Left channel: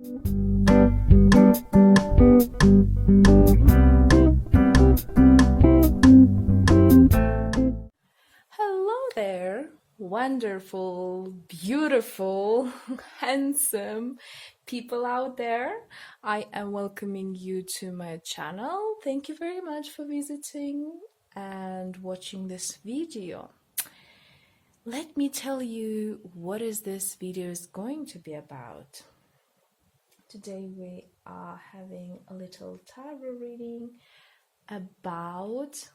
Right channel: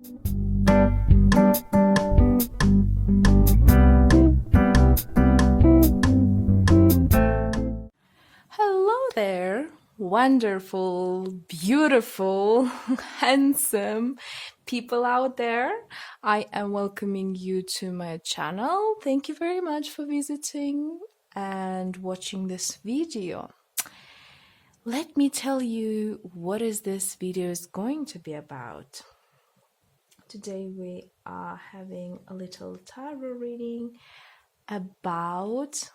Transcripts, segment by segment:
Hello there, wonderful, beautiful, handsome people out there. I am welcoming you to my channel. Thank you very much for visiting and watching this video. Let me tell you what is this video is going to be about. Today we are having a little tarot reading about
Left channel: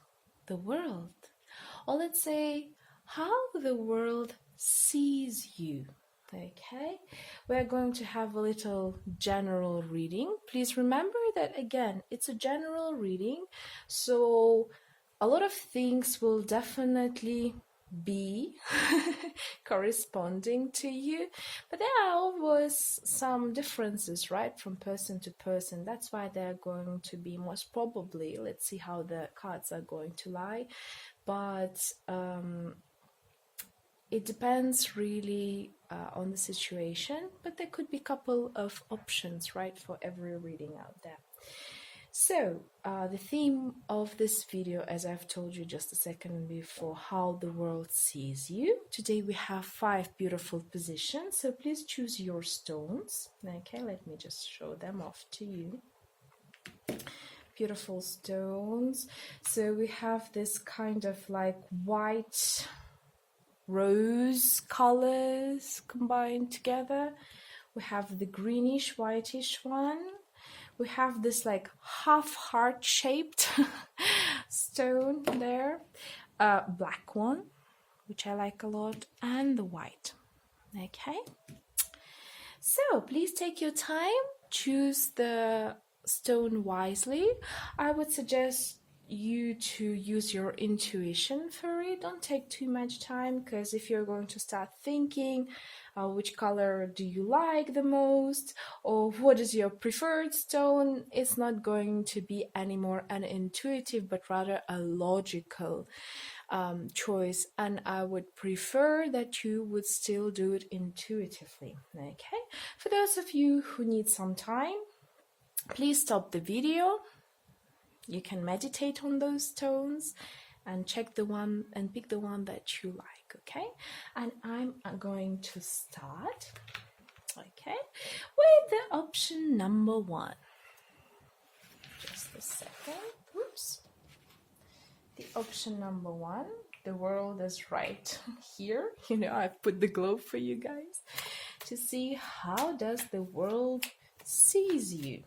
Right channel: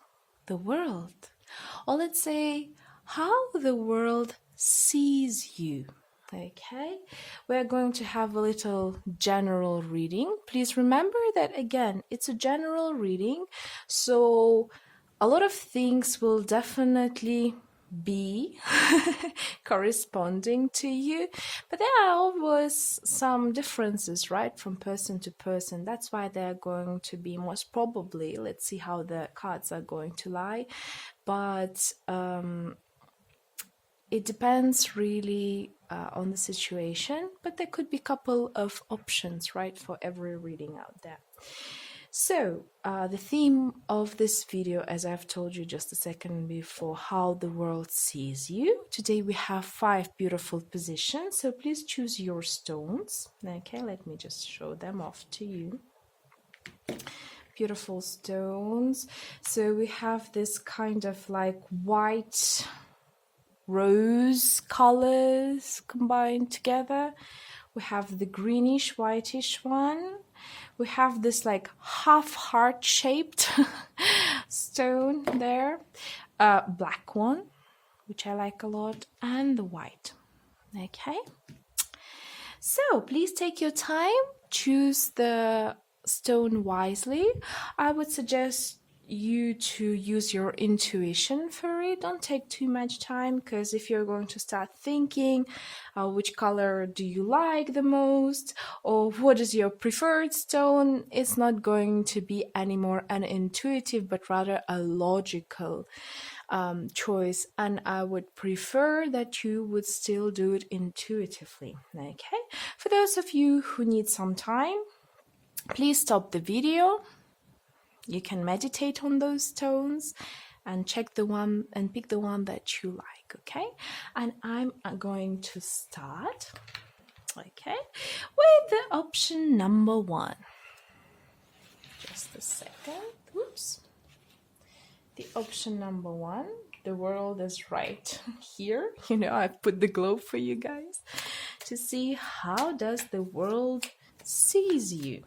the world, or let's say how the world sees you. Okay, we're going to have a little general reading. Please remember that again, it's a general reading, so a lot of things will definitely be corresponding to you, but there are always some differences, right, from person to person. That's why they're going to be most probably, let's see how the cards are going to lie, but it depends really on the situation, but there could be a couple of options, right, for every reading out there. So the theme of this video, as I've told you just a second before, how the world sees you. Today we have 5 beautiful positions, so please choose your stones. Okay, let me just show them off to you. Beautiful stones. So we have this kind of like white rose colors combined together. We have the greenish whitish one. We have this like half heart shaped stone there, black one, which I like a lot, and the white. Okay, so please take your time, choose the stone wisely. I would suggest you to use your intuition for it. Don't take too much time, because if you're going to start thinking which color do you like the most, or what is your preferred stone, it's not going to be anymore an intuitive but rather a logical choice, and I would prefer that you would still do it intuitively. Okay, for those of you who need some time, please stop the video. You can meditate on those stones and check the one and pick the one that you like, okay? And I'm going to start, okay, with the option number 1. Just a second. Oops. The option number 1, the world is right here. You know, I've put the globe for you guys to see how does the world sees you.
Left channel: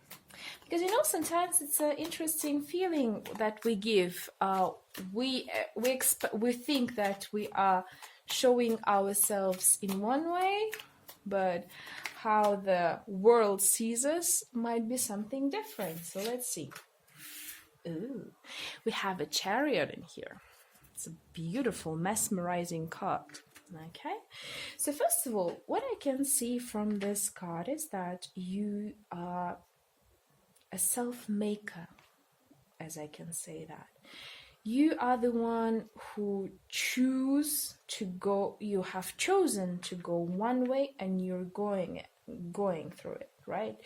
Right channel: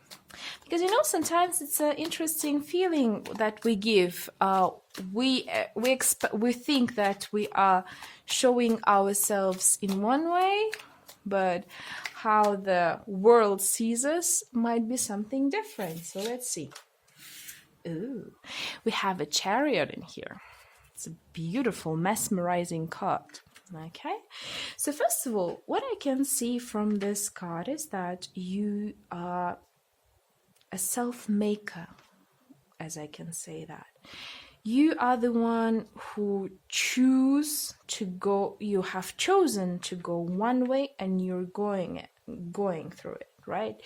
Because you know, sometimes it's an interesting feeling that we give. We think that we are showing ourselves in one way, but how the world sees us might be something different. So let's see. Ooh, we have a Chariot in here. It's a beautiful, mesmerizing card. Okay, so first of all, what I can see from this card is that you are a self-maker, as I can say that. You are the one who choose to go, you have chosen to go one way and you're going through it, right?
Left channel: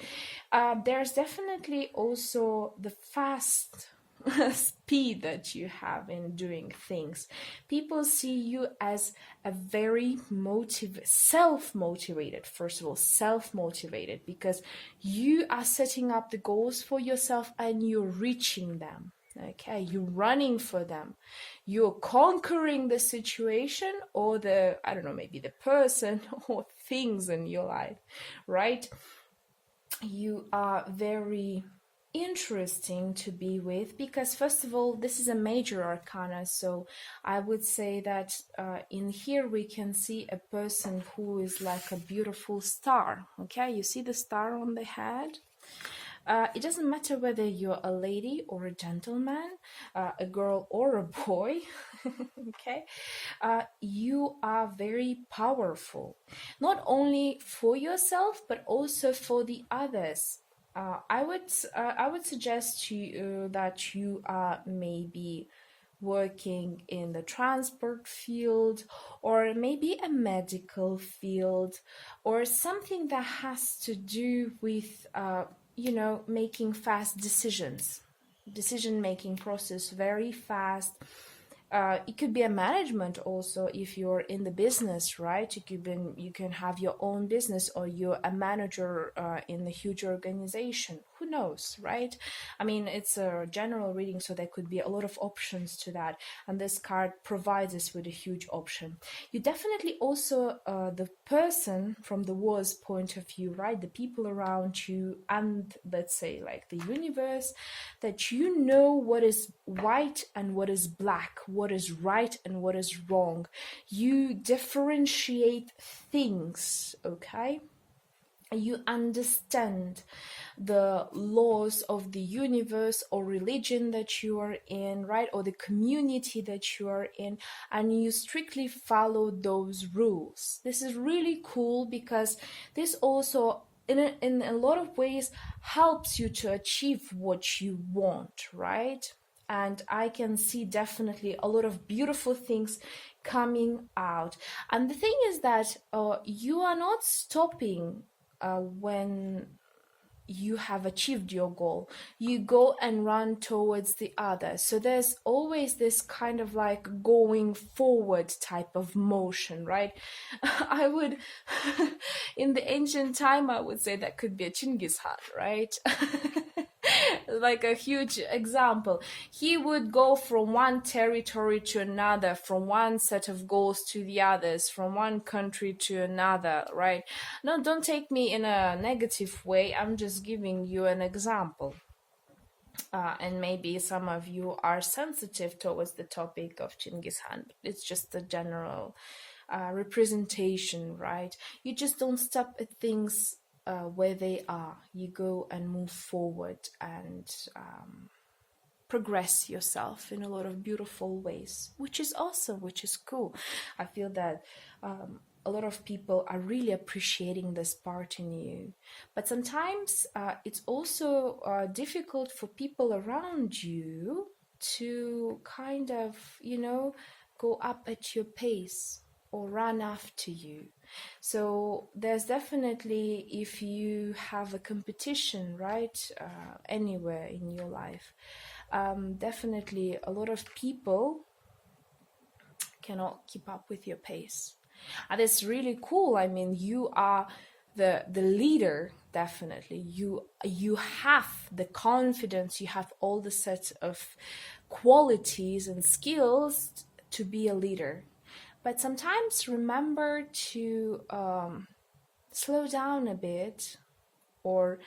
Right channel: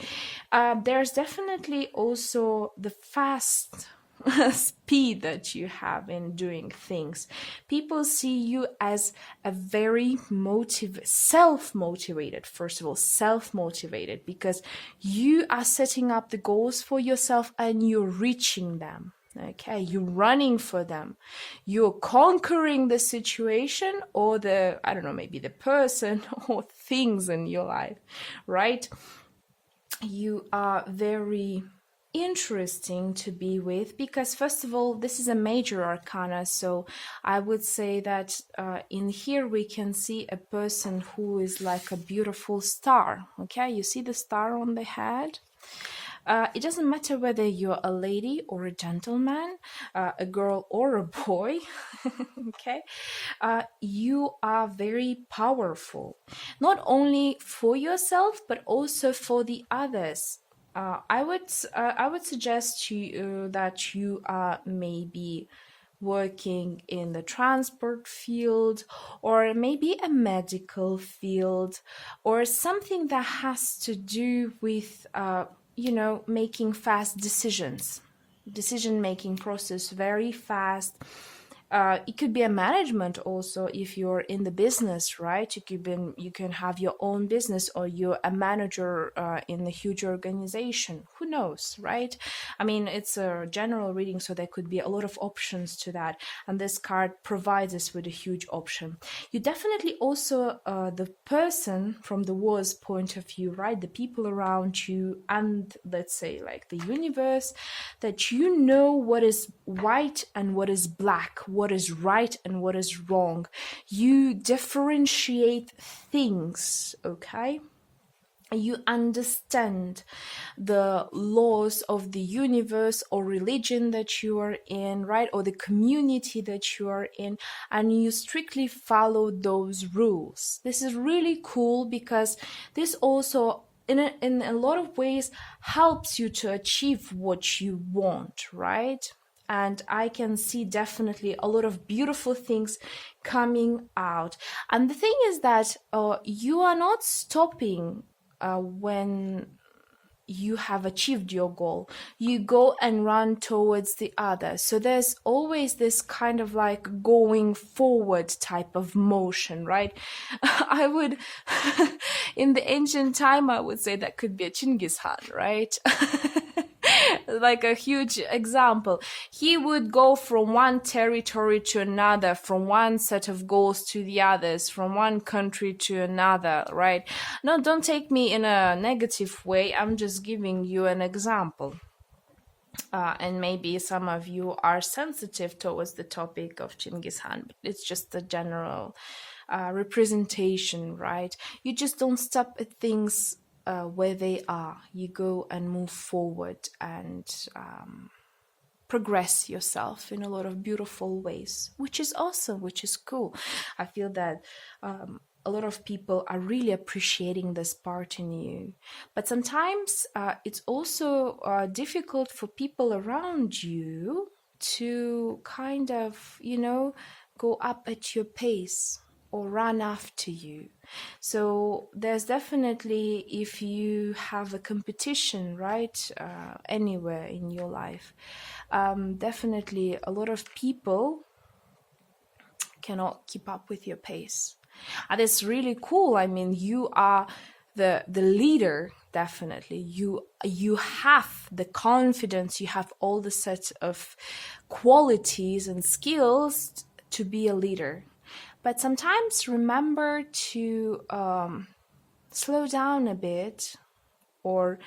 There's definitely also the fast speed that you have in doing things. People see you as a very self-motivated, first of all, self-motivated, because you are setting up the goals for yourself and you're reaching them. Okay, you're running for them. You're conquering the situation or the, I don't know, maybe the person or things in your life, right? You are very interesting to be with, because first of all, this is a major arcana, so I would say that in here we can see a person who is like a beautiful star. Okay, you see the star on the head? It doesn't matter whether you're a lady or a gentleman, a girl or a boy, okay? You are very powerful, not only for yourself, but also for the others. I would suggest to you that you are maybe working in the transport field, or maybe a medical field, or something that has to do with, making fast decisions. Decision-making process very fast. It could be a management also if you're in the business, right? You can have your own business, or you're a manager in a huge organization. Who knows, right? I mean, it's a general reading, so there could be a lot of options to that. And this card provides us with a huge option. You definitely also, the person from the war's point of view, right? The people around you, and let's say like the universe, that you know what is white and what is black, what is right and what is wrong. You differentiate things, okay? You understand the laws of the universe or religion that you are in, right? Or the community that you are in, and you strictly follow those rules. This is really cool because this also in a lot of ways helps you to achieve what you want, right? And I can see definitely a lot of beautiful things coming out. And the thing is that you are not stopping when you have achieved your goal. You go and run towards the other. So there's always this kind of like going forward type of motion, right? I would, in the ancient time, I would say that could be a Chinggis Khan, right? Like a huge example. He would go from one territory to another, from one set of goals to the others, from one country to another, right? No, don't take me in a negative way. I'm just giving you an example. And maybe some of you are sensitive towards the topic of Chinggis Khan, but it's just a general representation, right? You just don't stop at things where they are. You go and move forward and progress yourself in a lot of beautiful ways, which is awesome, which is cool. I feel that a lot of people are really appreciating this part in you. But sometimes it's also difficult for people around you to kind of, go up at your pace or run after you. So there's definitely, if you have a competition, right, anywhere in your life, definitely a lot of people cannot keep up with your pace. And it's really cool. I mean, you are the leader, definitely. You have the confidence, you have all the set of qualities and skills to be a leader. But sometimes remember to slow down a bit, or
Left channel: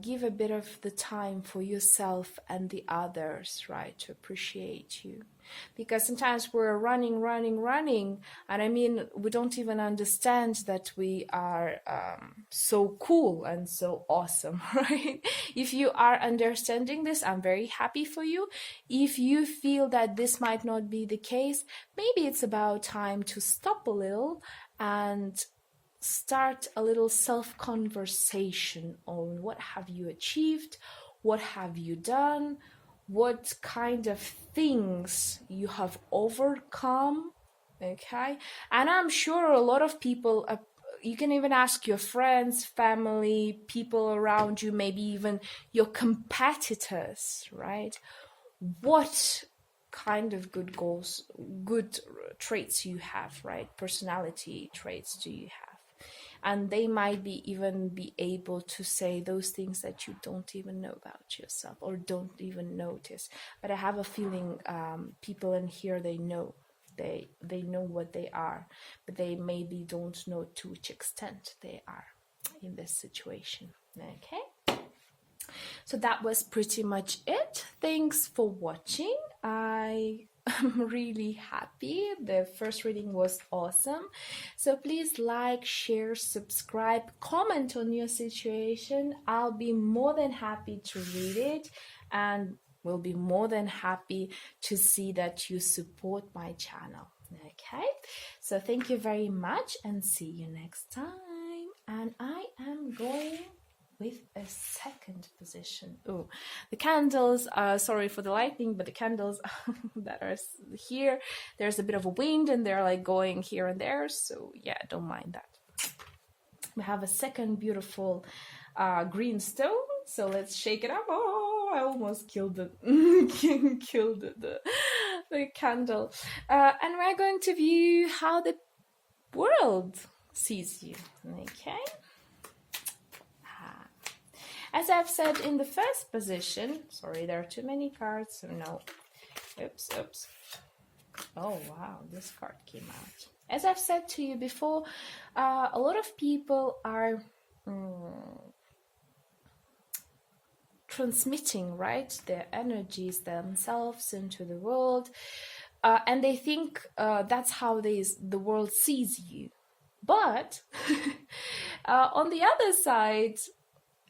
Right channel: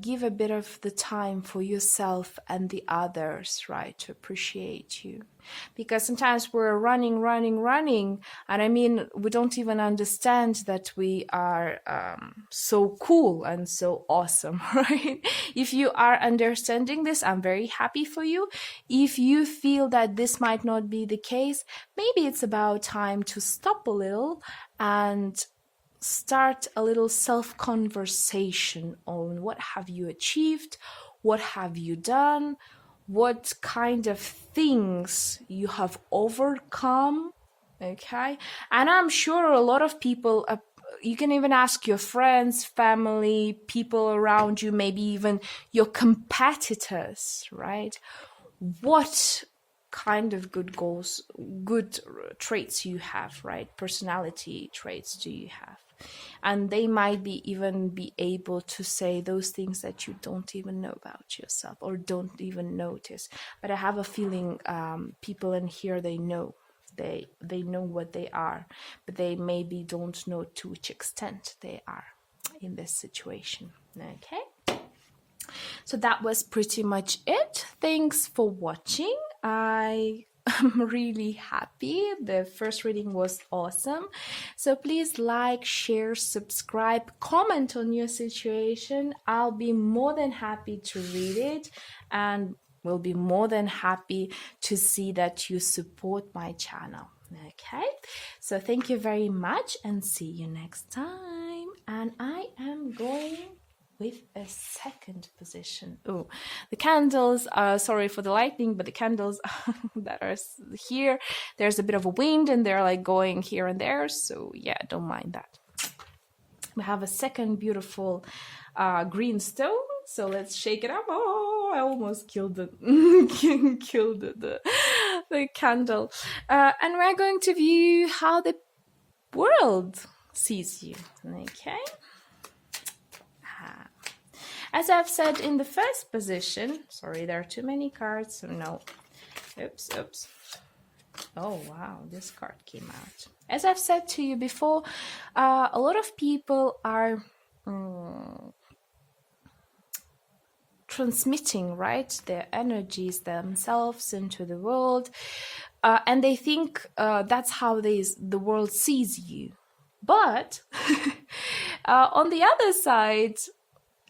give a bit of the time for yourself and the others, right, to appreciate you. Because sometimes we're running, and I mean, we don't even understand that we are so cool and so awesome, right? If you are understanding this, I'm very happy for you. If you feel that this might not be the case, maybe it's about time to stop a little and start a little self-conversation on what have you achieved, what have you done, what kind of things you have overcome, okay? And I'm sure a lot of people, you can even ask your friends, family, people around you, maybe even your competitors, right? What kind of good goals, good traits you have, right? Personality traits do you have? And they might even be able to say those things that you don't even know about yourself or don't even notice. But I have a feeling people in here, they know what they are, but they maybe don't know to which extent they are in this situation. Okay, so that was pretty much it. Thanks for watching. I'm really happy. The first reading was awesome. So please like, share, subscribe, comment on your situation. I'll be more than happy to read it, and will be more than happy to see that you support my channel. Okay, so thank you very much and see you next time. And I am going with a second position. Oh, the candles, sorry for the lighting, but the candles that are here, there's a bit of a wind and they're like going here and there. So yeah, don't mind that. We have a second beautiful green stone. So let's shake it up. Oh, I almost killed the the candle. And we're going to view how the world sees you. Okay. As I've said in the first position, sorry, there are too many cards, so no. Oops. Oh, wow, this card came out. As I've said to you before, a lot of people are transmitting, right, their energies themselves into the world, and they think that's how the world sees you. But on the other side,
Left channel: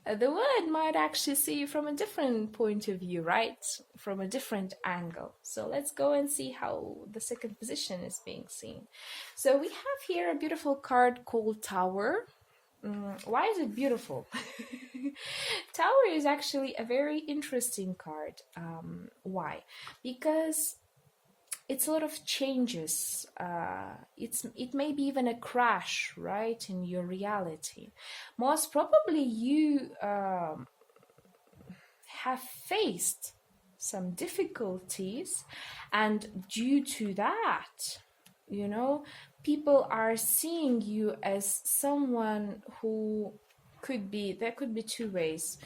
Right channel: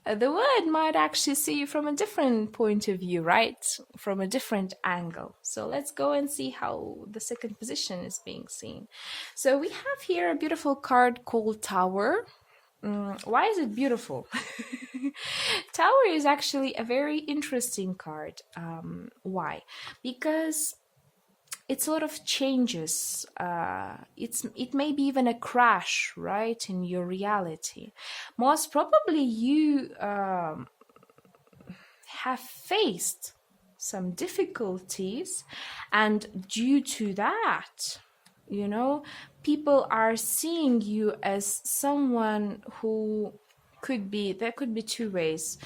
the world might actually see you from a different point of view, right? From a different angle. So let's go and see how the second position is being seen. So we have here a beautiful card called Tower. Why is it beautiful? Tower is actually a very interesting card. Why? Because it's a lot of changes. It may be even a crash, right, in your reality. Most probably you have faced some difficulties, and due to that, you know, people are seeing you as someone who there could be two ways.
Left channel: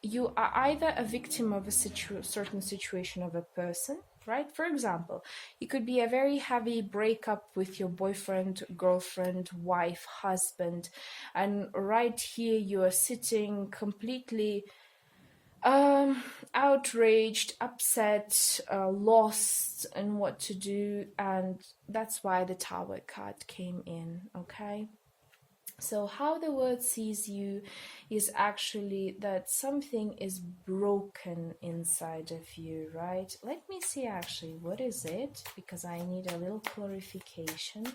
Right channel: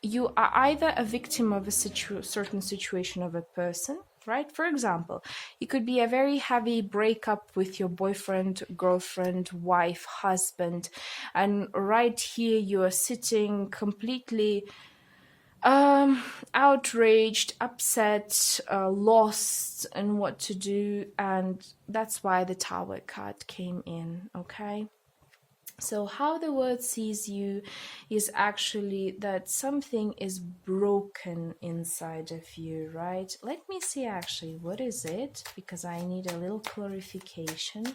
You are either a victim of a certain situation of a person, right? For example, it could be a very heavy breakup with your boyfriend, girlfriend, wife, husband, and right here you are sitting completely outraged, upset, lost in what to do, and that's why the Tower card came in. Okay. So how the world sees you is actually that something is broken inside of you, right? Let me see actually, what is it? Because I need a little clarification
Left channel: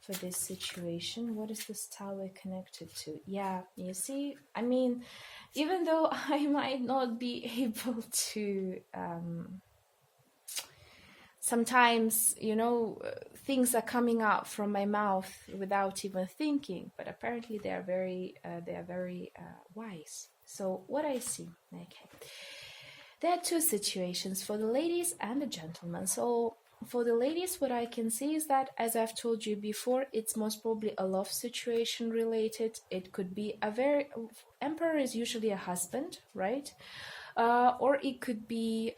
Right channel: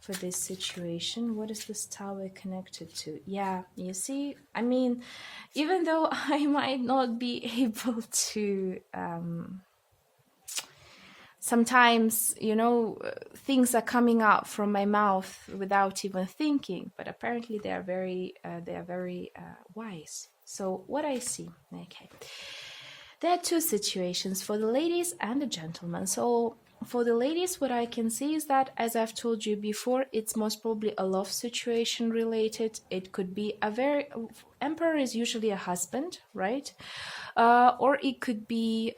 for this situation. What is this Tower connected to? Yeah, you see, I mean, even though I might not be able to sometimes, you know, things are coming out from my mouth without even thinking, but apparently they are very wise. So what I see, okay, there are two situations for the ladies and the gentlemen. So for the ladies, what I can see is that, as I've told you before, it's most probably a love situation related. It could be Emperor is usually a husband, right? Or it could be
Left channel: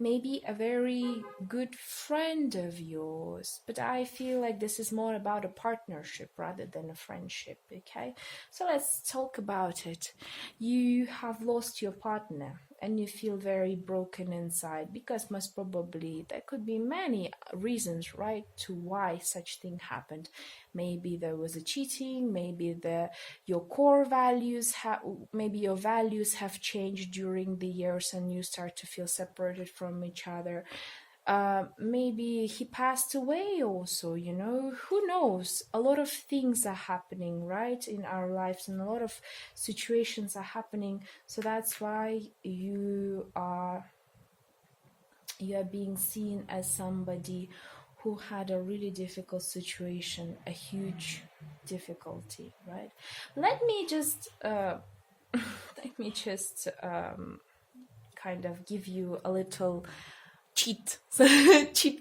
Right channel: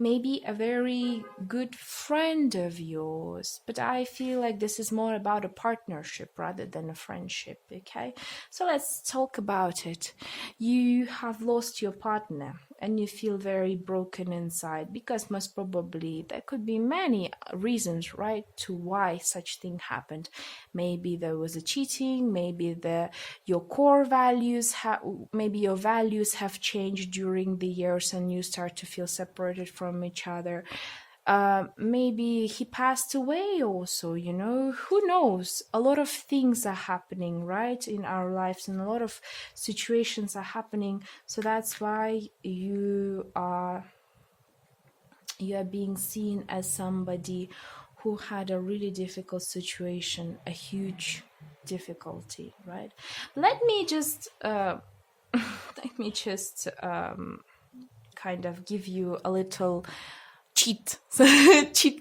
maybe a very good friend of yours, but I feel like this is more about a partnership rather than a friendship. Okay, so let's talk about it. You have lost your partner and you feel very broken inside, because most probably there could be many reasons, right, to why such thing happened. Maybe there was a cheating, maybe your core values maybe your values have changed during the years and you start to feel separated from each other. Maybe he passed away also, you know, who knows? A lot of things are happening, right, in our lives, and a lot of situations are happening. So that's why you are being seen as somebody who had a really difficult situation, a huge difficulty, right? Let me just kind of give you a little cheat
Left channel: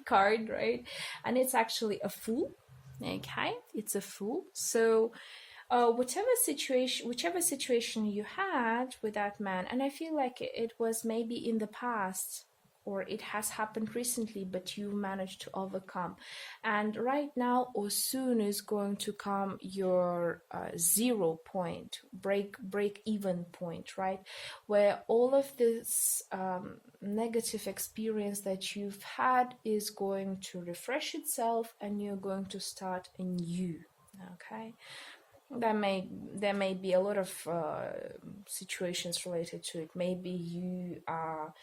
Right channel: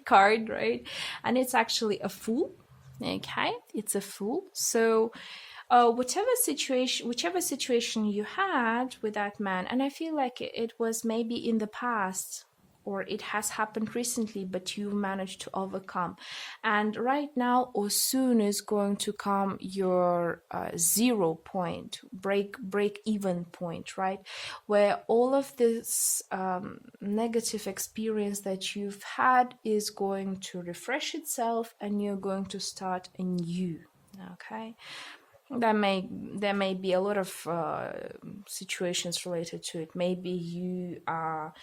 card, right? And it's actually a Fool. Okay, it's a Fool. So whichever situation you had with that man, and I feel like it was maybe in the past, or it has happened recently, but you managed to overcome. And right now, or soon, is going to come your 0 point, break even point, right? Where all of this negative experience that you've had is going to refresh itself, and you're going to start anew. Okay. There may be a lot of situations related to it. Maybe you are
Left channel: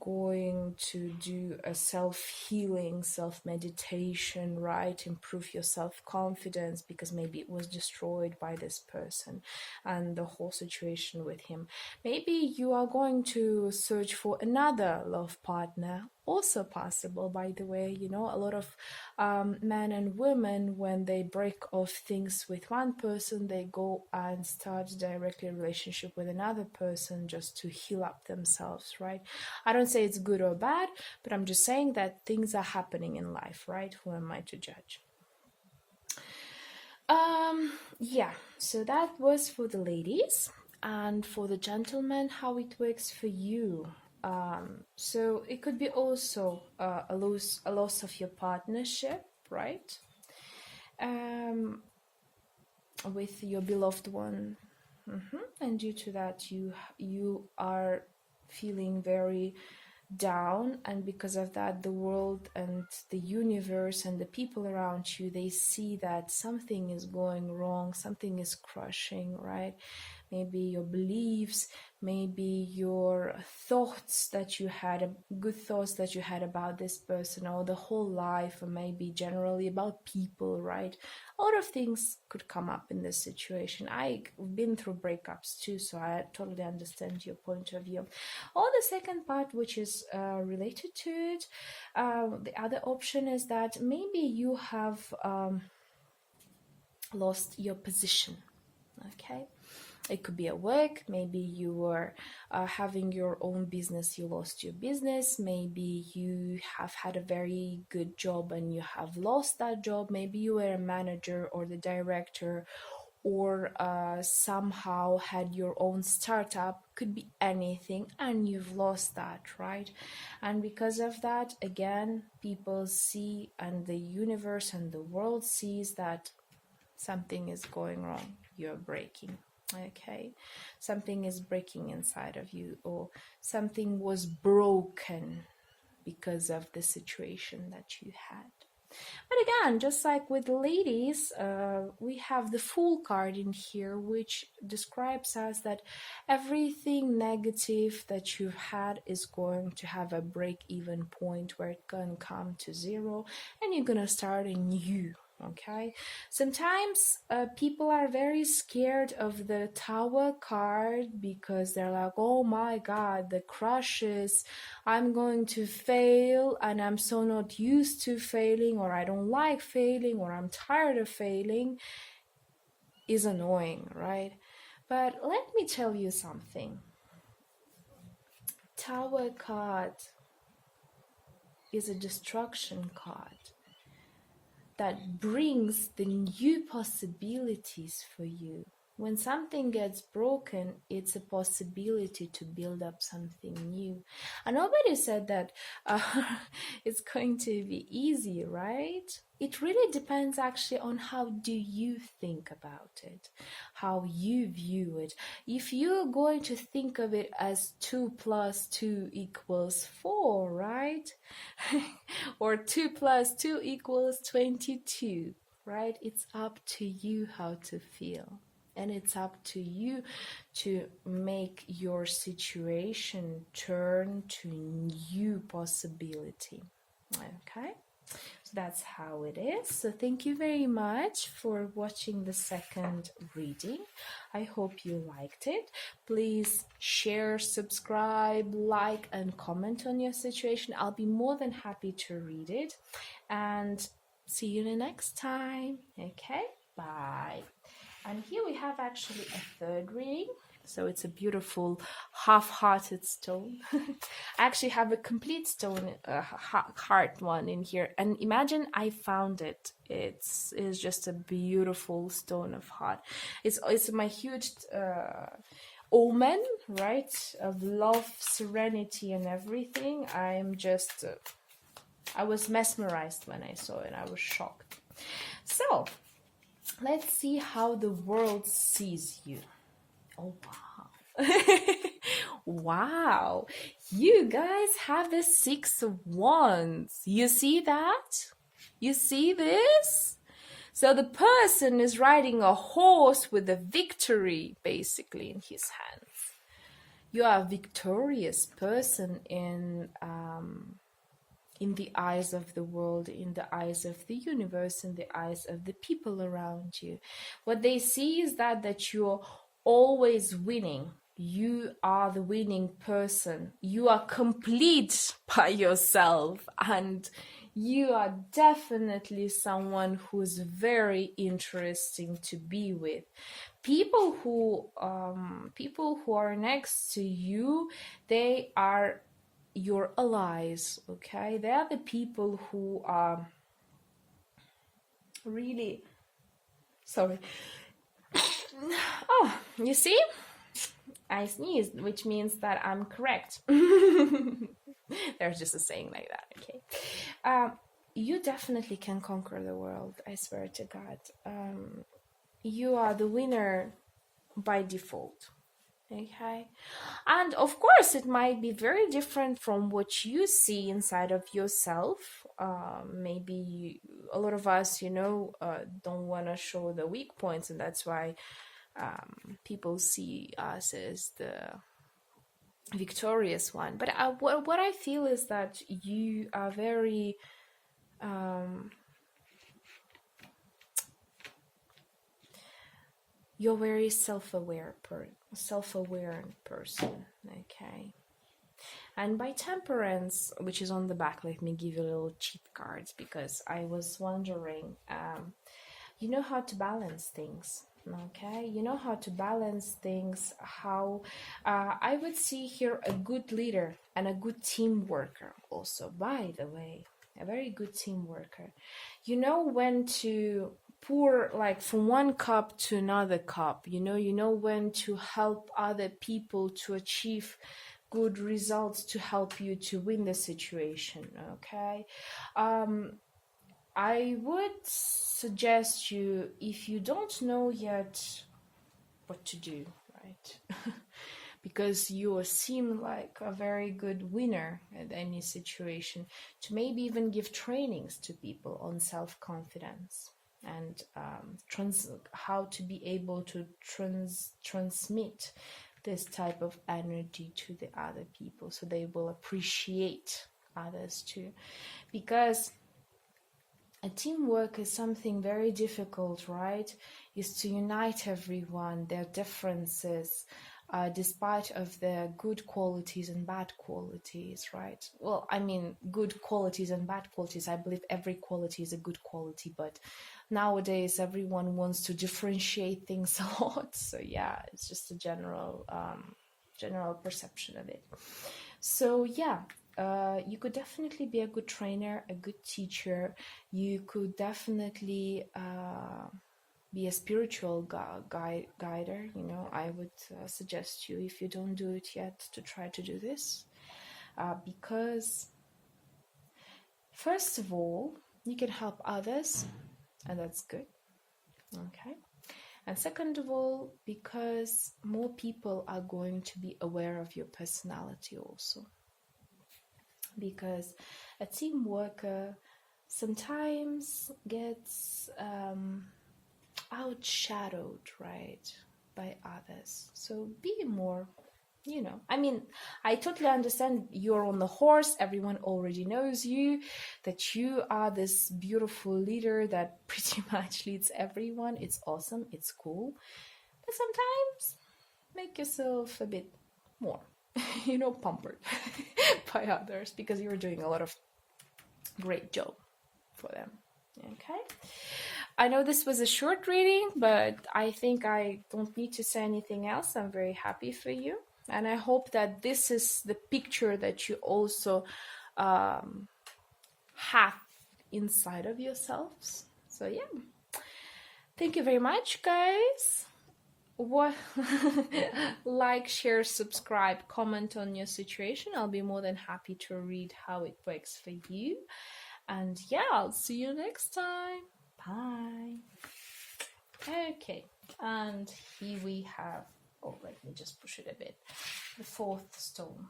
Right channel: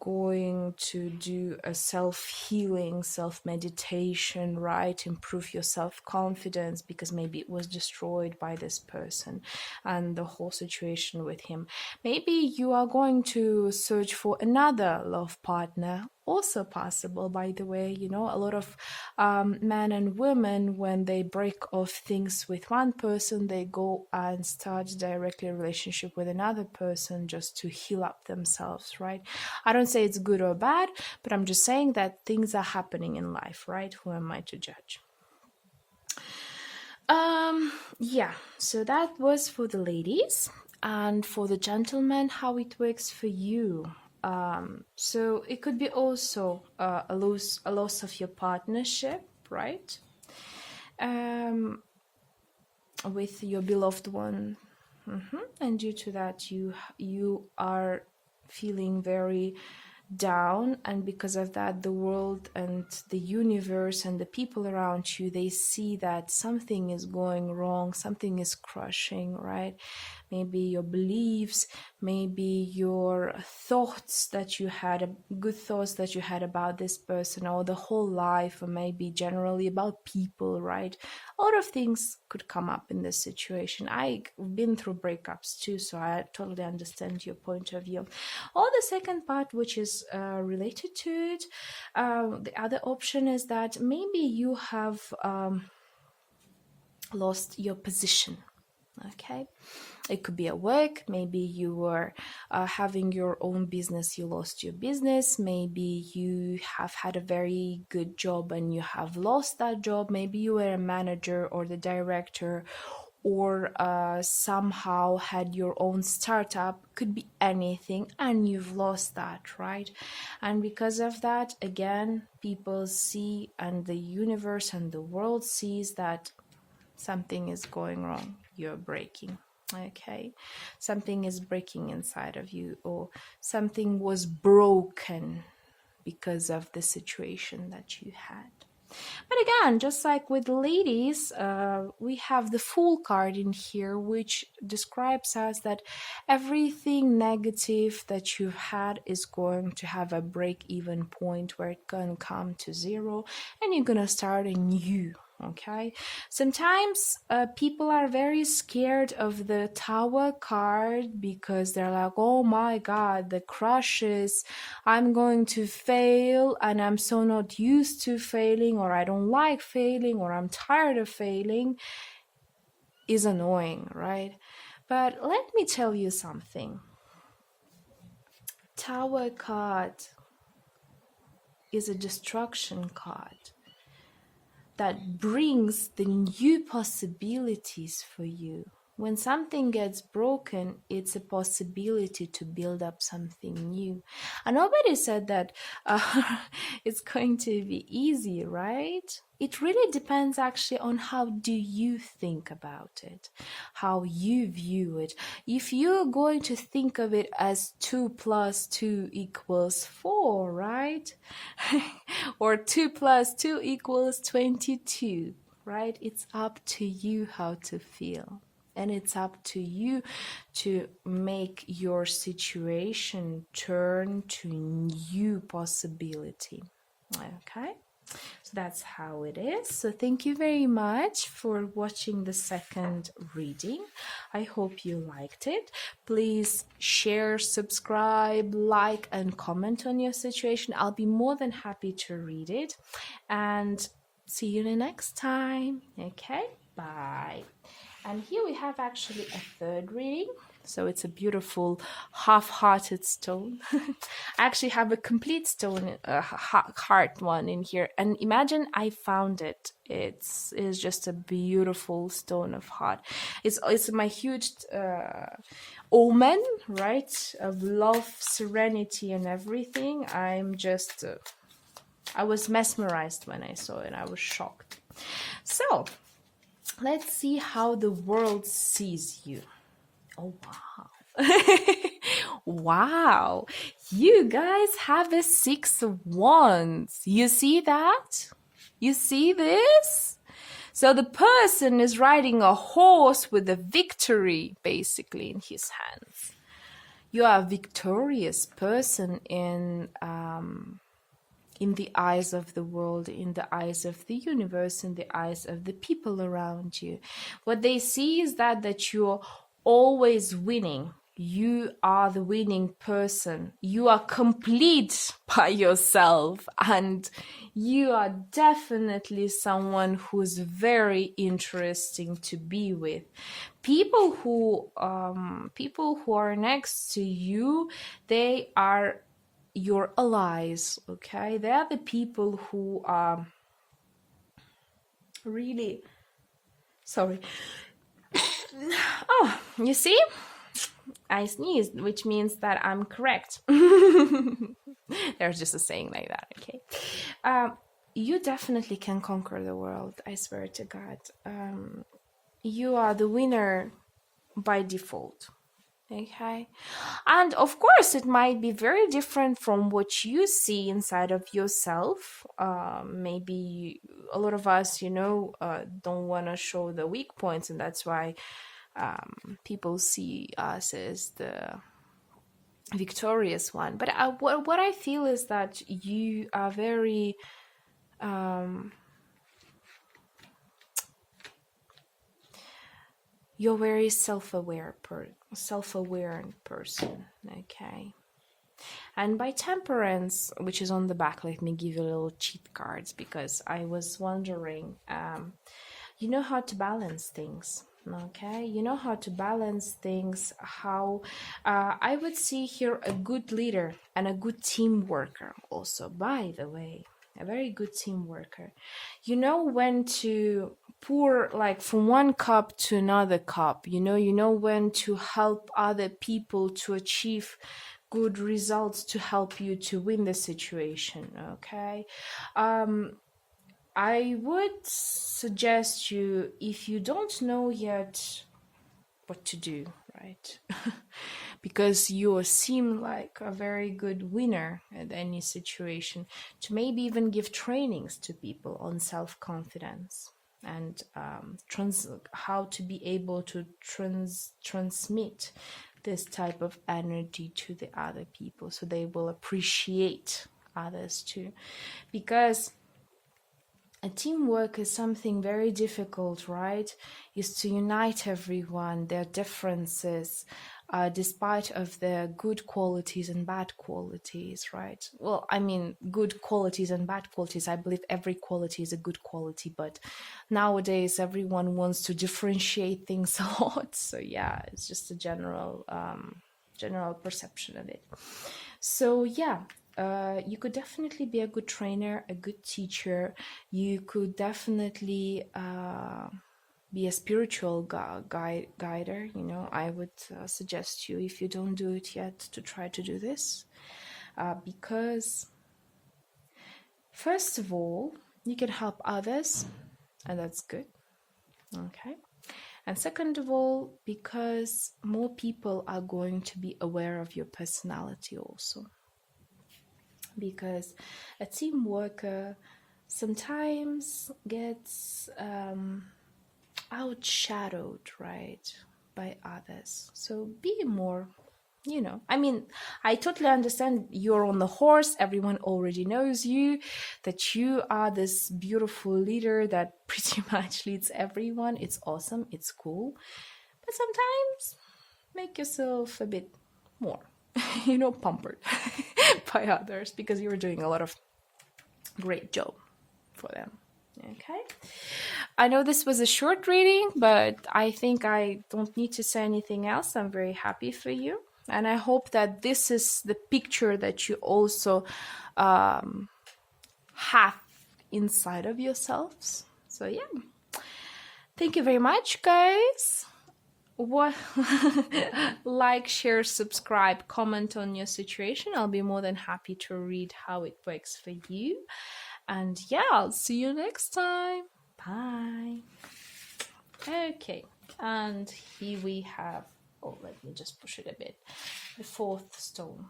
going to do a self-healing, self-meditation, right? Improve your self-confidence because maybe it was destroyed by this person and the whole situation with him. Maybe you are going to search for another love partner. Also possible, by the way. You know, a lot of men and women, when they break off things with one person, they go and start directly a relationship with another person just to heal up themselves, right? I don't say it's good or bad, but I'm just saying that things are happening in life, right? Who am I to judge? Yeah, so that was for the ladies. And for the gentlemen, how it works for you. So it could be also a loss of your partnership, right? With your beloved one. And due to that, you are feeling very down, and because of that, the world and the universe and the people around you, they see that something is going wrong, something is crushing, right? Maybe your beliefs, maybe your thoughts that you had, good thoughts that you had about this person or the whole life, or maybe generally about people, right? A lot of things could come up in this situation. I've been through breakups too, so I totally understand your point of view. Or the second part, which is related to it, the other option is that maybe you have lost your position, okay? It could be at work. Maybe you were having your own business, you lost your business. Maybe you have had a very good job and you have lost that job. Maybe you were a manager or the director, or somehow had your own startup. Could be anything, and you've lost that, right? And because of that, again, people see, and the universe and the world sees that something is going wrong. You're breaking. Okay, something is breaking inside of you, or something was broken because of the situation that you had. But again, just like with ladies, we have the Fool card in here, which describes us that everything negative that you've had is going to have a break-even point where it's going to come to zero, and you're going to start anew. Okay, sometimes people are very scared of the Tower card because they're like, oh my god, the crushes, I'm going to fail, and I'm so not used to failing, or I don't like failing, or I'm tired of failing, is annoying, right? But let me tell you something. Tower card is a destruction card that brings the new possibilities for you. When something gets broken, it's a possibility to build up something new. And nobody said that it's going to be easy, right? It really depends actually on how do you think about it, how you view it. If you're going to think of it as 2 + 2 = 4, right? Or 2 + 2 = 22, right? It's up to you how to feel. And it's up to you to make your situation turn to new possibility. Okay? So that's how it is. So thank you very much for watching the second reading. I hope you liked it. Please share, subscribe, like, and comment on your situation. I'll be more than happy to read it. And see you the next time. Okay? Bye. And here we have actually a third reading. So it's a beautiful half-hearted stone. I actually have a complete stone, a heart one in here. And imagine I found it. It's just a beautiful stone of heart. It's my huge omen, right? Of love, serenity, and everything. I'm just, I was mesmerized when I saw it. I was shocked. So let's see how the world sees you. Oh, wow. Wow. You guys have a 6 of Wands. You see that? You see this? So the person is riding a horse with a victory, basically, in his hands. You are a victorious person in the eyes of the world, in the eyes of the universe, in the eyes of the people around you. What they see is that you're always winning. You are the winning person. You are complete by yourself, and you are definitely someone who's very interesting to be with. People who are next to you, they are your allies, okay? They are the people who are really sorry. Oh, you see? I sneezed, which means that I'm correct. There's just a saying like that, okay? You definitely can conquer the world, I swear to God. You are the winner by default. Okay, and of course it might be very different from what you see inside of yourself. Maybe a lot of us, don't want to show the weak points, and that's why people see us as the victorious one. But what I feel is that you are very you're very self-aware person, okay? And by temperance, which is on the back, let me give you a little cheat cards, because I was wondering, you know how to balance things, okay? You know how to balance things, how I would see here a good leader and a good team worker also, by the way. A very good team worker. You know when to pour, like, from one cup to another cup. You know when to help other people to achieve good results, to help you to win the situation, okay? I would suggest you, if you don't know yet what to do, right? Because you seem like a very good winner at any situation, to maybe even give trainings to people on self-confidence and how to be able to transmit this type of energy to the other people, so they will appreciate others too. Because a teamwork is something very difficult, right? Is to unite everyone, their differences, despite of their good qualities and bad qualities, right? Well, I mean, good qualities and bad qualities. I believe every quality is a good quality, but nowadays everyone wants to differentiate things a lot. So yeah, it's just a general perception of it. So yeah, you could definitely be a good trainer, a good teacher. You could definitely be a spiritual guider. I would suggest you, if you don't do it yet, to try to do this, because first of all, you can help others, and that's good, okay? And second of all, because more people are going to be aware of your personality also. Because a team worker sometimes gets outshadowed, right, by others. So be more, I mean, I totally understand you're on the horse, everyone already knows you, that you are this beautiful leader that pretty much leads everyone. It's awesome, it's cool. But sometimes make yourself a bit more, pampered by others, because you're doing a lot of great job for them, okay? I know this was a short reading, but I think I don't need to say anything else. I'm very happy for you. And I hope that this is the picture that you also have inside of yourselves. So yeah, thank you very much, guys. Like, share, subscribe, comment on your situation. I'll be more than happy to read how it works for you. And yeah, I'll see you next time. Bye. Okay, and here we have, let me just push it a bit, the fourth stone.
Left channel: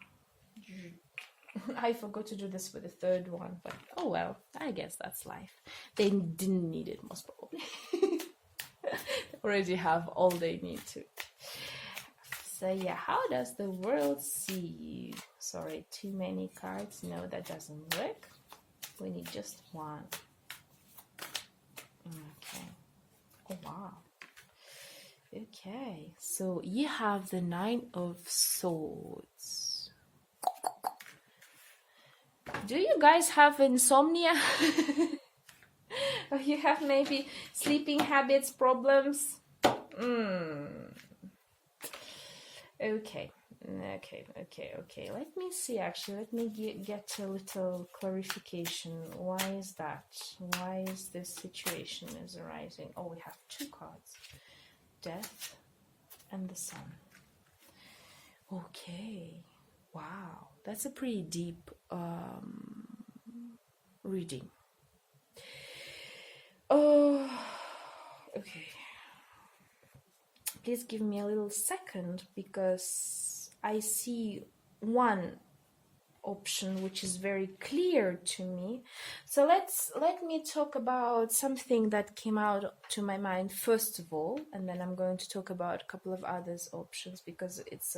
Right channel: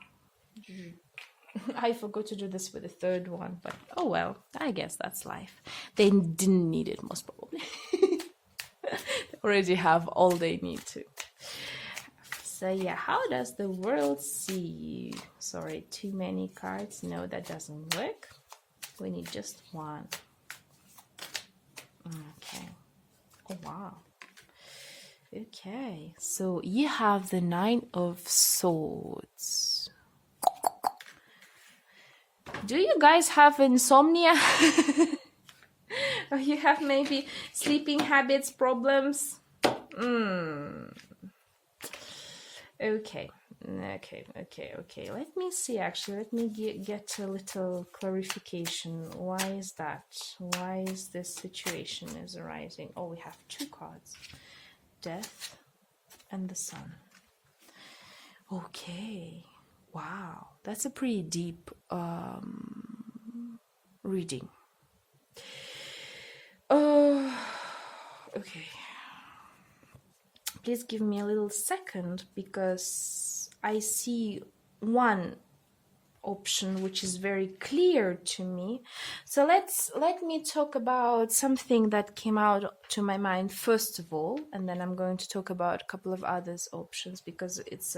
I forgot to do this with the third one, but oh well, I guess that's life. They didn't need it, most probably. They already have all they need to. So yeah, how does the world see you? Sorry, too many cards. No, that doesn't work. We need just one. Okay. Oh, wow. Okay, so you have the Nine of Swords. Do you guys have insomnia? Or you have maybe sleeping habits problems? Okay. Let me see, actually. Let me get a little clarification. Why is that? Why is this situation is arising? Oh, we have two cards. Death and the Sun. Okay. Wow. That's a pretty deep reading. Okay. Please give me a little second, because I see one option which is very clear to me. So let me talk about something that came out to my mind first of all, and then I'm going to talk about a couple of others options, because it's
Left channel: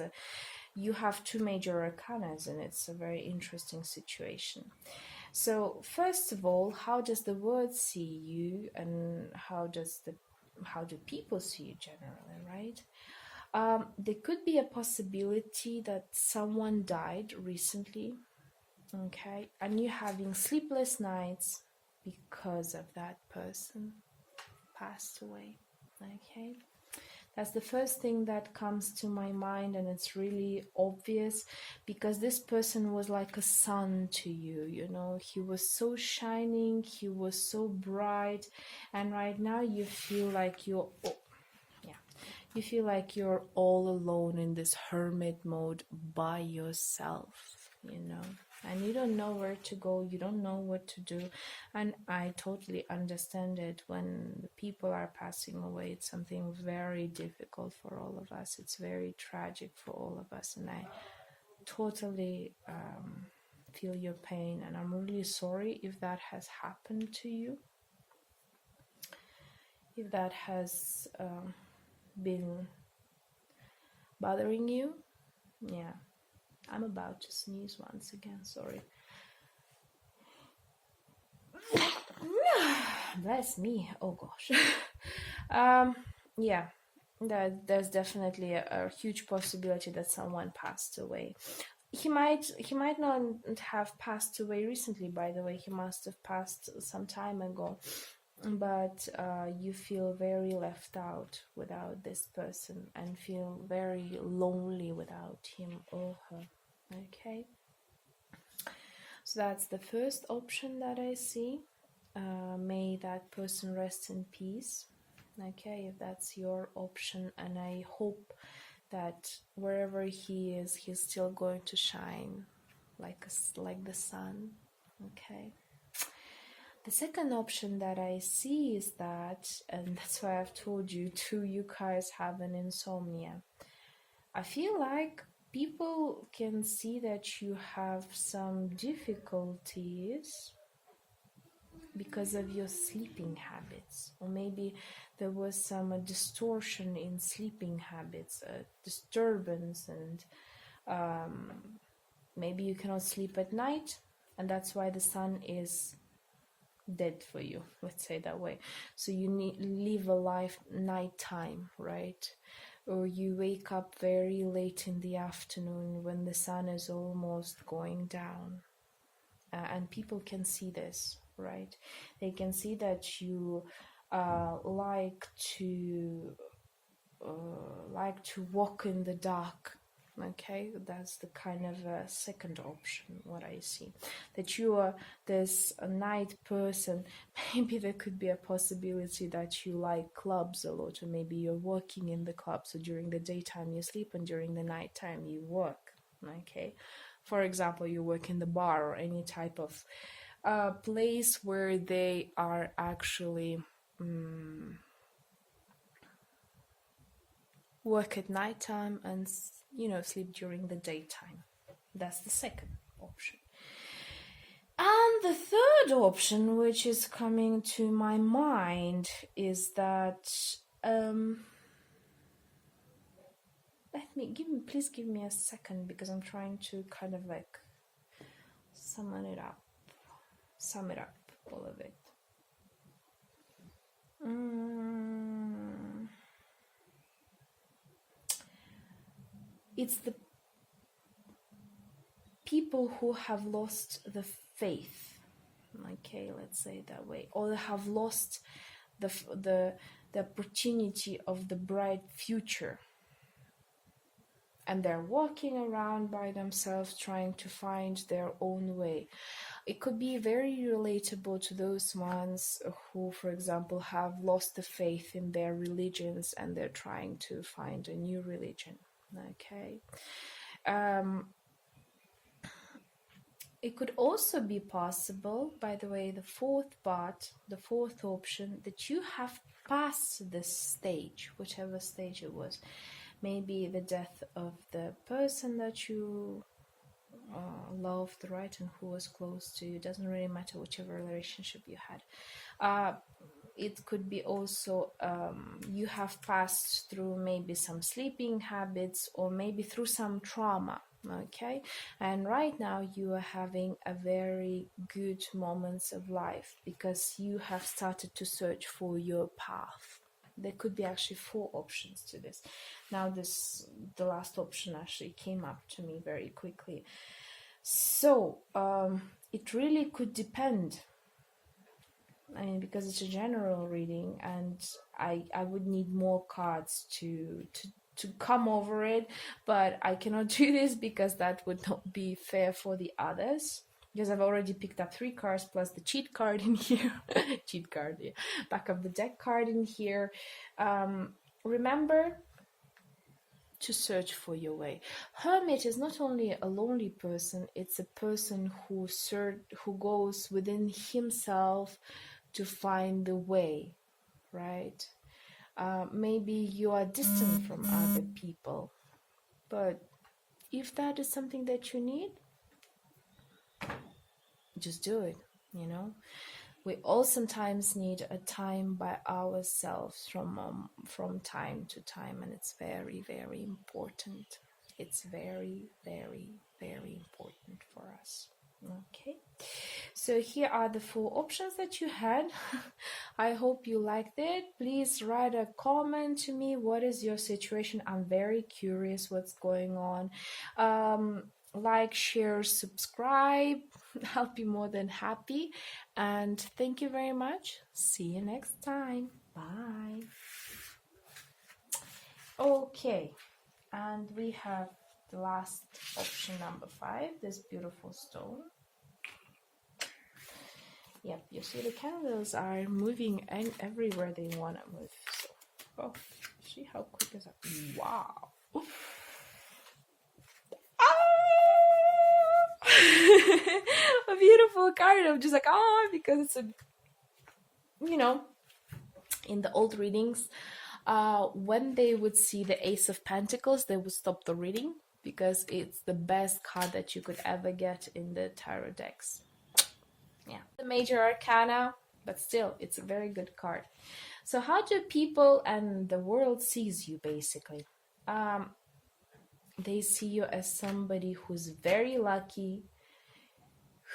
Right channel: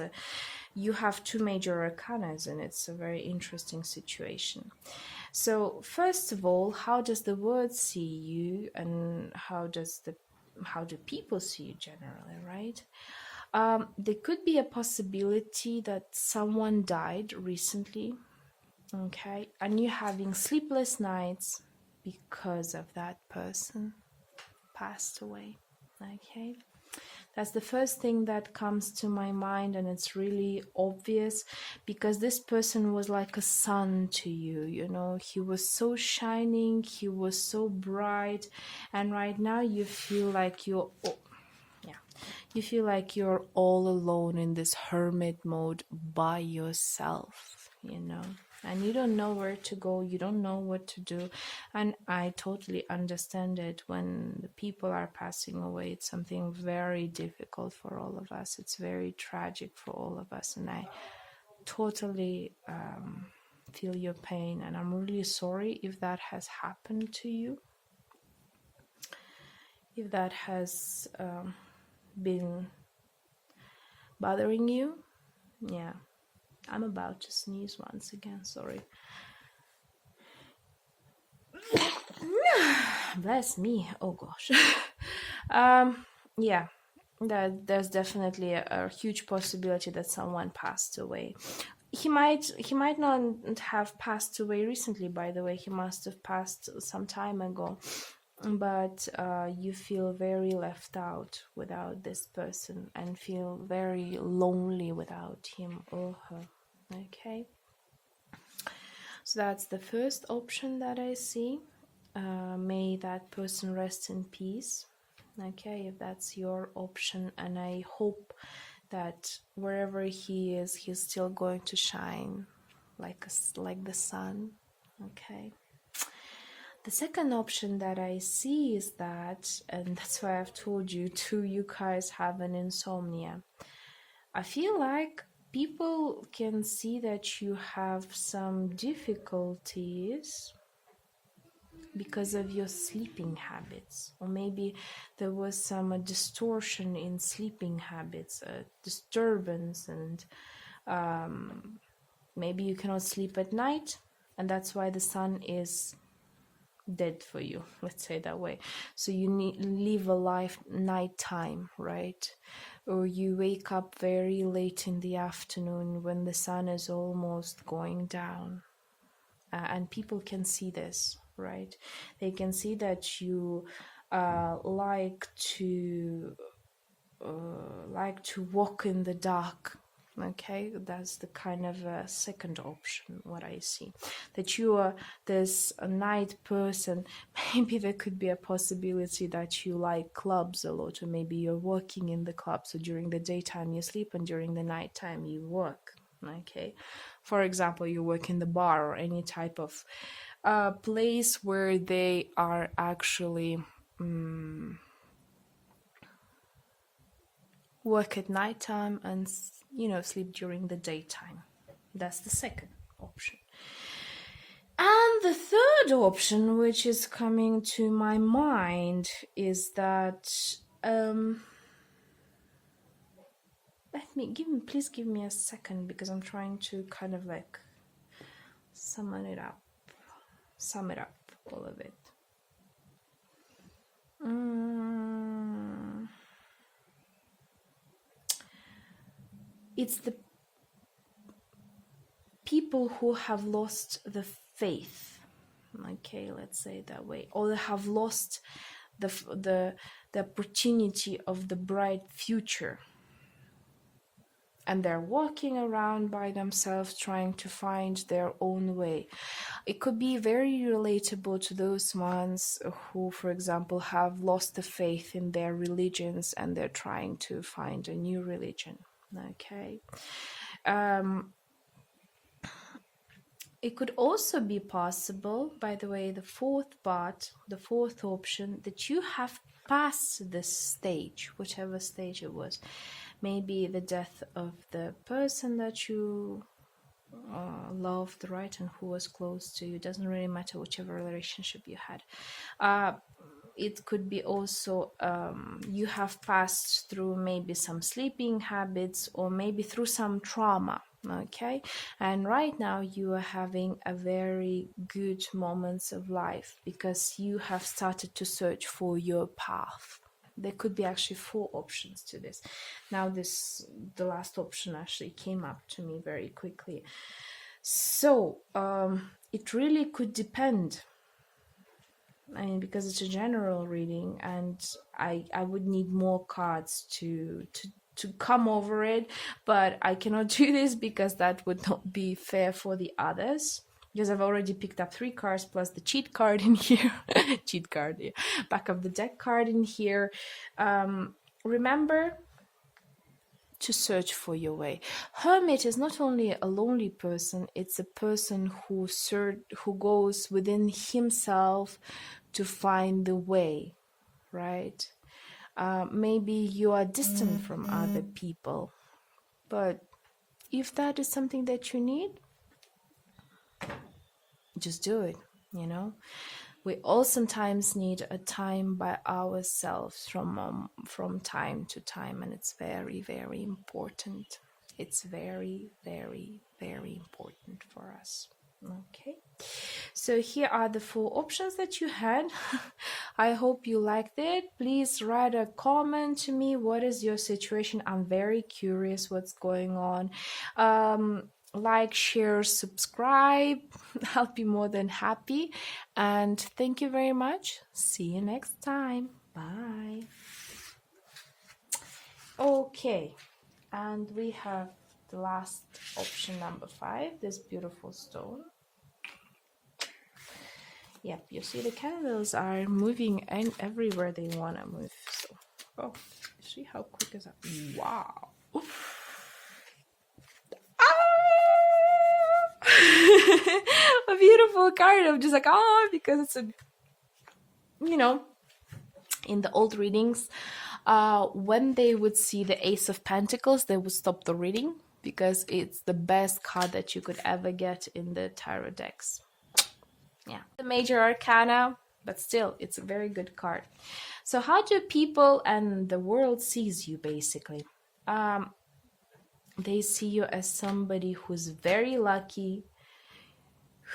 you have two major arcanas and it's a very interesting situation. So first of all, how does the world see you, and how do people see you generally, right? There could be a possibility that someone died recently, okay, and you're having sleepless nights because of that person passed away, okay? That's the first thing that comes to my mind, and it's really obvious, because this person was like a sun to you, you know. He was so shining, he was so bright, and right now you feel like you're all alone in this hermit mode by yourself, you know, and you don't know where to go, you don't know what to do. And I totally understand it. When the people are passing away, it's something very difficult for all of us. It's very tragic for all of us, and I totally feel your pain, and I'm really sorry if that has happened to you, if that has been bothering you. Yeah, I'm about to sneeze once again, sorry. Bless me. Oh gosh. Yeah, there's definitely a huge possibility that someone passed away. He might not have passed away recently, by the way. He must have passed some time ago, but you feel very left out without this person, and feel very lonely without him or her, okay? So that's the first option that I see. May that person rest in peace, okay, if that's your option, and I hope that wherever he is, he's still going to shine like the sun, okay? The second option that I see is that, and that's why I've told you too, you guys have an insomnia. I feel like people can see that you have some difficulties because of your sleeping habits, or maybe there was some distortion in sleeping habits, a disturbance, and maybe you cannot sleep at night, and that's why the sun is dead for you, let's say that way. So you live a life nighttime, right? Or you wake up very late in the afternoon when the sun is almost going down, and people can see this, right? They can see that you like to walk in the dark, okay? That's the kind of second option what I see, that you are this night person. Maybe there could be a possibility that you like clubs a lot, or maybe you're working in the club, so during the daytime you sleep and during the nighttime you work, okay? For example, you work in the bar, or any type of place where they are actually work at nighttime and, you know, sleep during the daytime. That's the second option. And the third option, which is coming to my mind, is that let please give me a second, because I'm trying to kind of like sum it up, all of it. It's the people who have lost the faith, okay, let's say it that way, or have lost the opportunity of the bright future, and they're walking around by themselves trying to find their own way. It could be very relatable to those ones who, for example, have lost the faith in their religions and they're trying to find a new religion. Okay. It could also be possible, by the way, the fourth option, that you have passed this stage, whichever stage it was. Maybe the death of the person that you loved, right, and who was close to you. Doesn't really matter whichever relationship you had. It could be also you have passed through maybe some sleeping habits, or maybe through some trauma, okay, and right now you are having a very good moments of life because you have started to search for your path. There could be actually 4 options to this. Now the last option actually came up to me very quickly. So it really could depend. I mean, because it's a general reading, and I would need more cards to come over it, but I cannot do this because that would not be fair for the others, because I've already picked up 3 cards plus the cheat card in here. Cheat card, yeah. Back of the deck card in here. Remember to search for your way. Hermit is not only a lonely person, it's a person who goes within himself to find the way, right? Maybe you are distant from other people, but if that is something that you need, just do it, you know. We all sometimes need a time by ourselves from time to time, and it's very, very important. It's very, very, very important for us. Okay, so here are the 4 options that you had. I hope you liked it. Please write a comment to me. What is your situation? I'm very curious what's going on. Like, share, subscribe. I'll be more than happy. And thank you very much. See you next time. Bye. Okay, and we have the last option, number 5, this beautiful stone. Yep, you see the candles are moving and everywhere they want to move. So, oh, see how quick is that? Wow. A beautiful card. I'm just like, because it's a, you know, in the old readings, when they would see the Ace of Pentacles, they would stop the reading because it's the best card that you could ever get in the tarot decks. Yeah, the major arcana, but still, it's a very good card. So how do people and the world sees you, basically? They see you as somebody who's very lucky,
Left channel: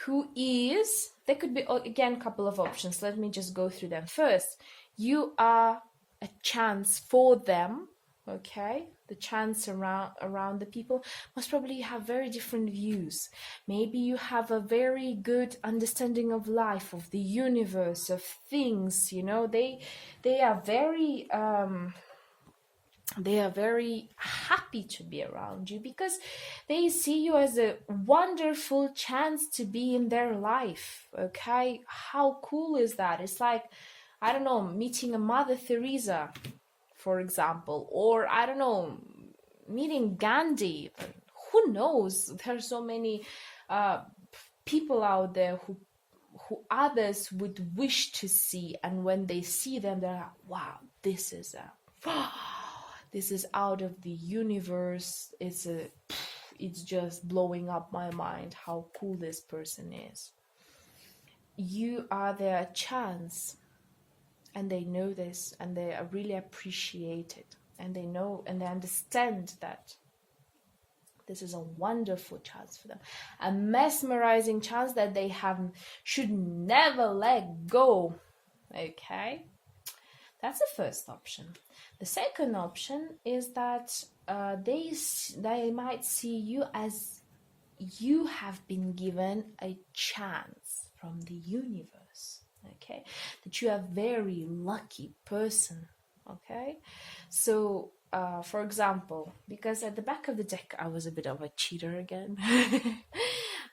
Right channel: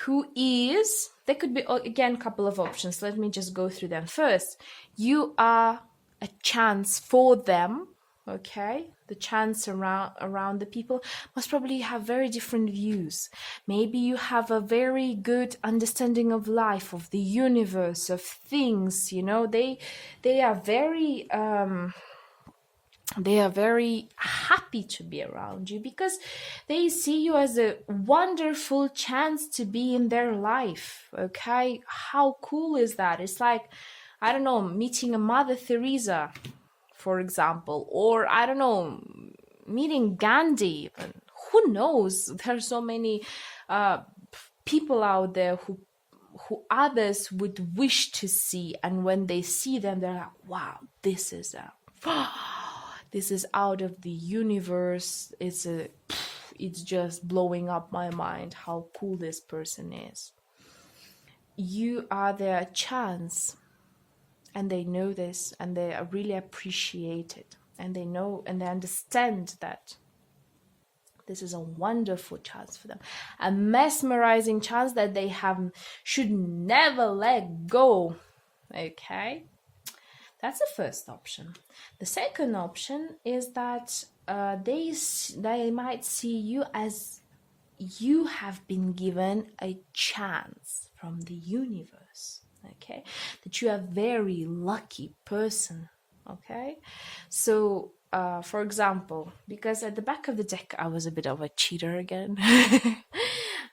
there could be, again, a couple of options. Let me just go through them. First, you are a chance for them, okay? The chance around the people must probably have very different views. Maybe you have a very good understanding of life, of the universe, of things, you know. They are very happy to be around you because they see you as a wonderful chance to be in their life, okay? How cool is that? It's like, I don't know, meeting a Mother Teresa, for example, or I don't know, meeting Gandhi. Who knows? There's so many people out there who others would wish to see, and when they see them, they're like, wow, this is out of the universe. It's just blowing up my mind how cool this person is. You are their chance, and they know this, and they really appreciate it, and they know and they understand that This is a wonderful chance for them, a mesmerizing chance that they should never let go. Okay, that's the first option. The second option is that they might see you as you have been given a chance from the universe. Okay, that you are a very lucky person. Okay, so for example, because at the back of the deck I was a bit of a cheater again.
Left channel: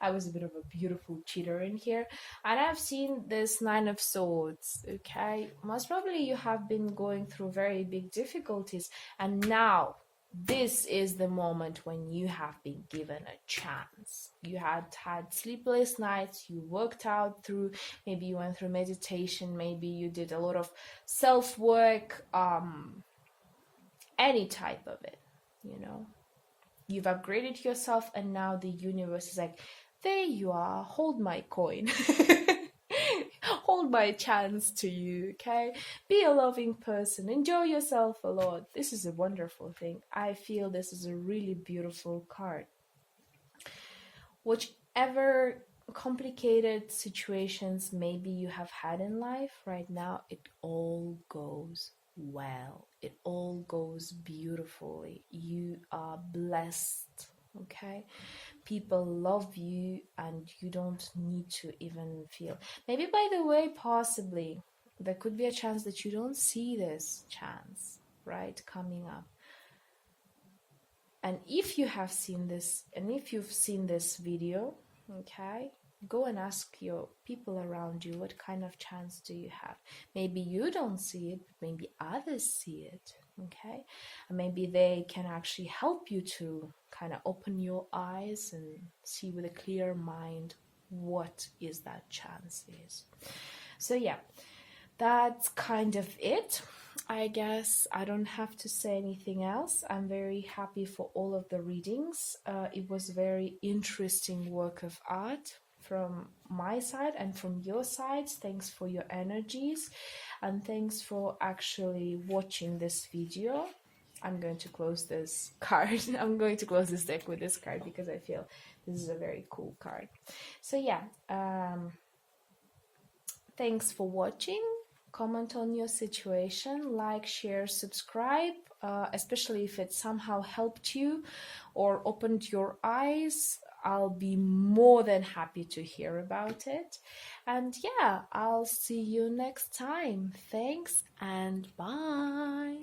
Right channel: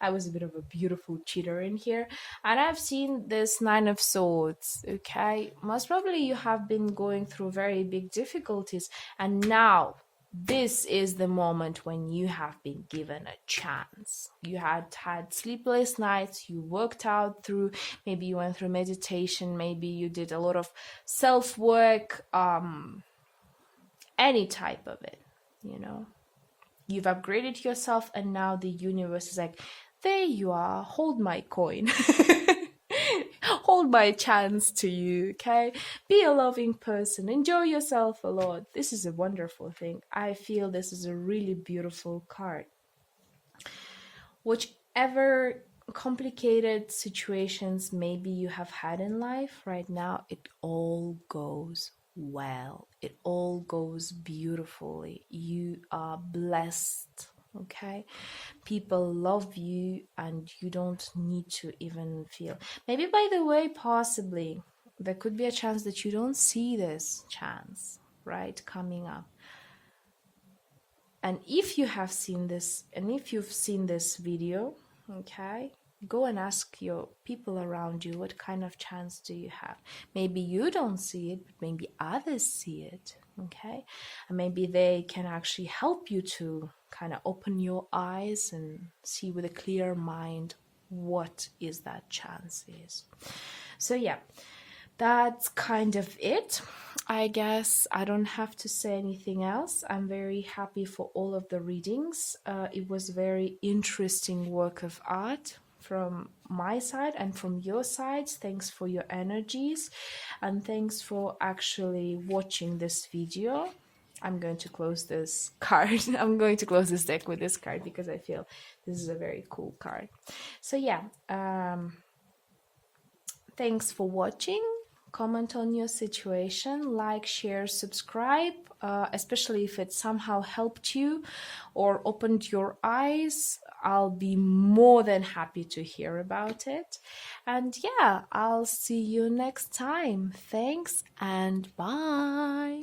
I was a bit of a beautiful cheater in here, and I've seen this Nine of Swords. Okay, most probably you have been going through very big difficulties, and now this is the moment when you have been given a chance. You had sleepless nights, you worked out through, maybe you went through meditation, maybe you did a lot of self-work, any type of it, you know. You've upgraded yourself, and now the universe is like, there you are, hold my coin. Hold my chance to you, okay? Be a loving person. Enjoy yourself a lot. This is a wonderful thing. I feel this is a really beautiful card. Whichever complicated situations maybe you have had in life right now, it all goes well. It all goes beautifully. You are blessed, okay? People love you, and you don't need to even feel. Maybe, by the way, possibly there could be a chance that you don't see this chance, right, coming up. And if you have seen this, and if you've seen this video, okay, go and ask your people around you, what kind of chance do you have? Maybe you don't see it, but maybe others see it, okay? And maybe they can actually help you to kind of open your eyes and see with a clear mind what is that chance is. So yeah, that's kind of it. I guess I don't have to say anything else. I'm very happy for all of the readings. It was very interesting work of art from my side and from your side. Thanks for your energies, and thanks for actually watching this video. I'm going to close this card. I'm going to close this deck with this card because I feel this is a very cool card. So yeah, thanks for watching. Comment on your situation, like, share, subscribe, especially if it somehow helped you or opened your eyes. I'll be more than happy to hear about it. And yeah, I'll see you next time. Thanks and bye.